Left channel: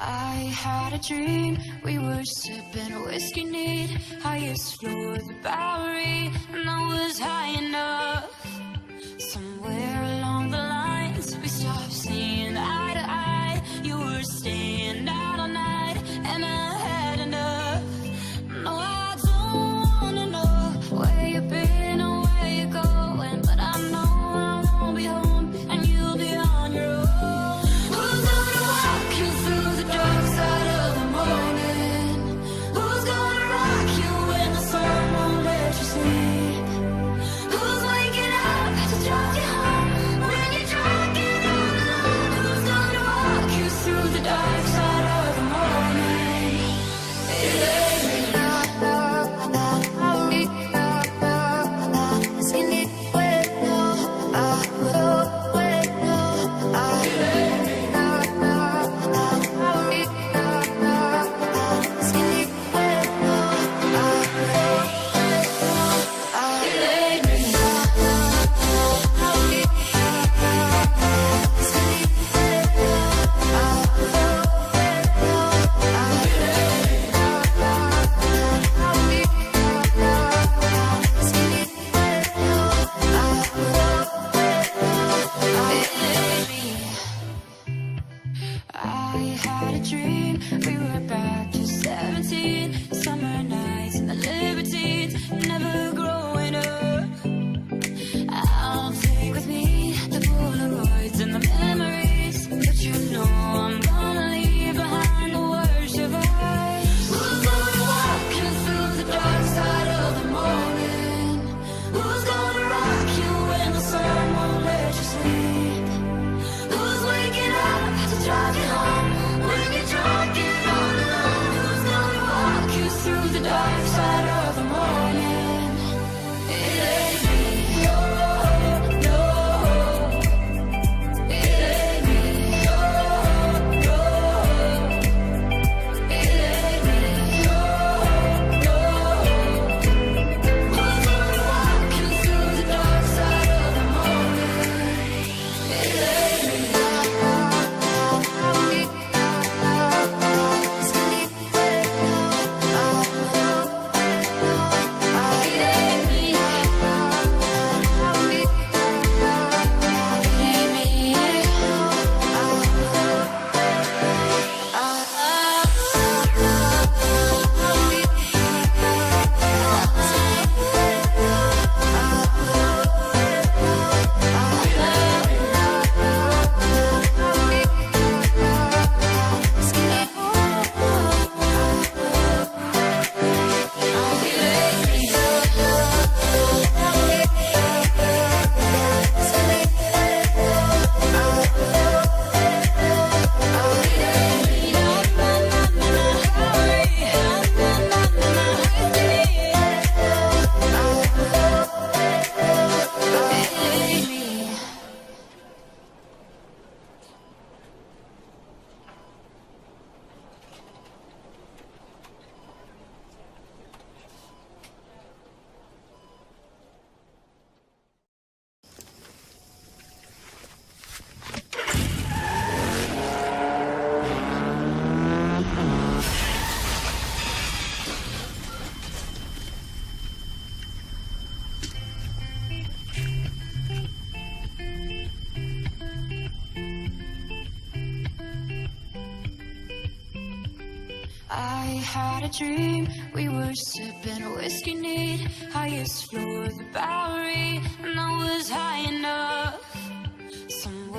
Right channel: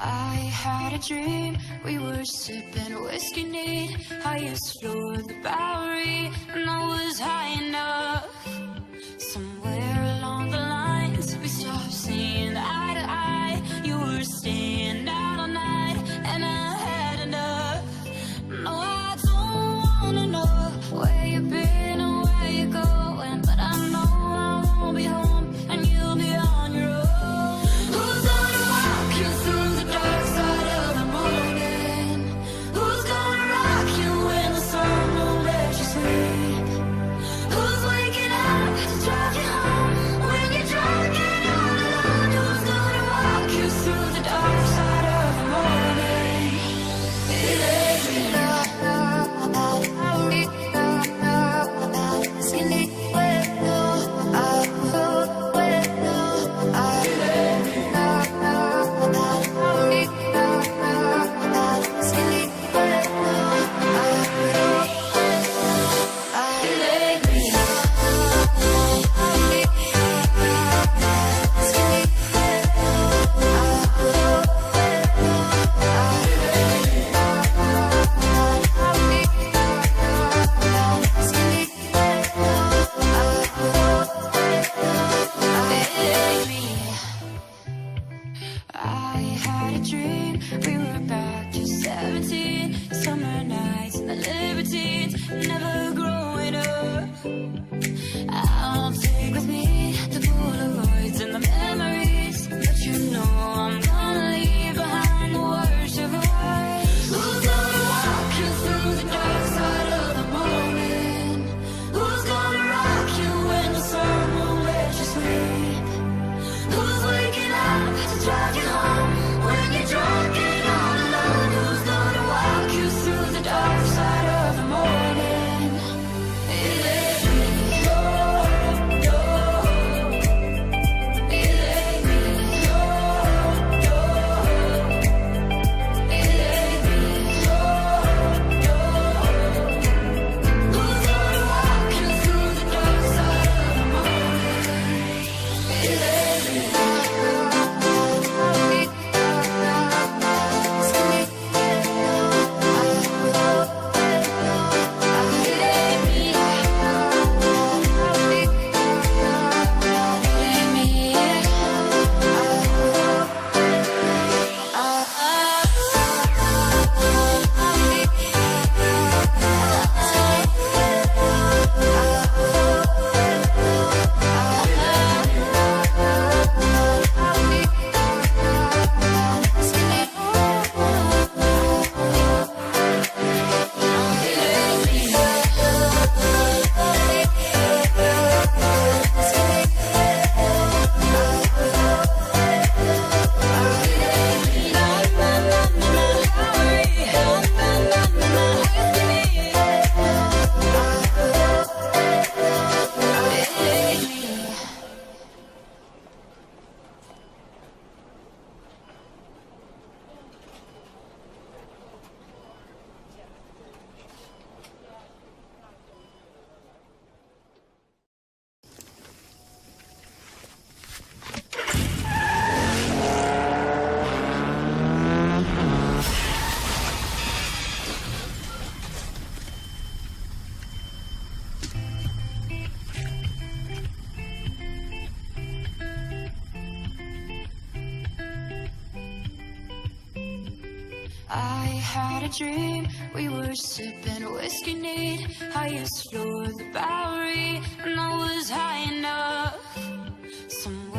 I had a dream, we were sipping whiskey neat, highest floor of the Bowery, and I was high enough. Somewhere along the lines, we stopped seeing eye to eye. You were staying out all night, and I had enough. No, I don't wanna know where you've been or where you're going, but I know I won't be home, and you'll be on your own. Who's gonna walk you through the dark side of the morning? Who's gonna rock you when the sun won't let you sleep? Who's waking up to drive you home when you're drunk and all alone? Who's gonna walk you through the dark side of the morning? It ain't me. I had a dream, we were back to 17, summer nights and the libertines, never growing up. I'll take with me the Polaroids and the memories, but you know I'm gonna leave behind the worst of us. Who's gonna walk you through the dark side of the morning? Who's gonna rock you when the sun won't let you sleep? Who's waking up to drive you home when you're drunk and all alone? Who's gonna walk you through the dark side of the morning? It ain't me. No, it ain't me. No, it ain't me. No, who's gonna walk you through the dark side of the morning? It ain't me. I had a dream, we were sipping whiskey neat, highest floor of the Bowery, and I was high enough. Somewhere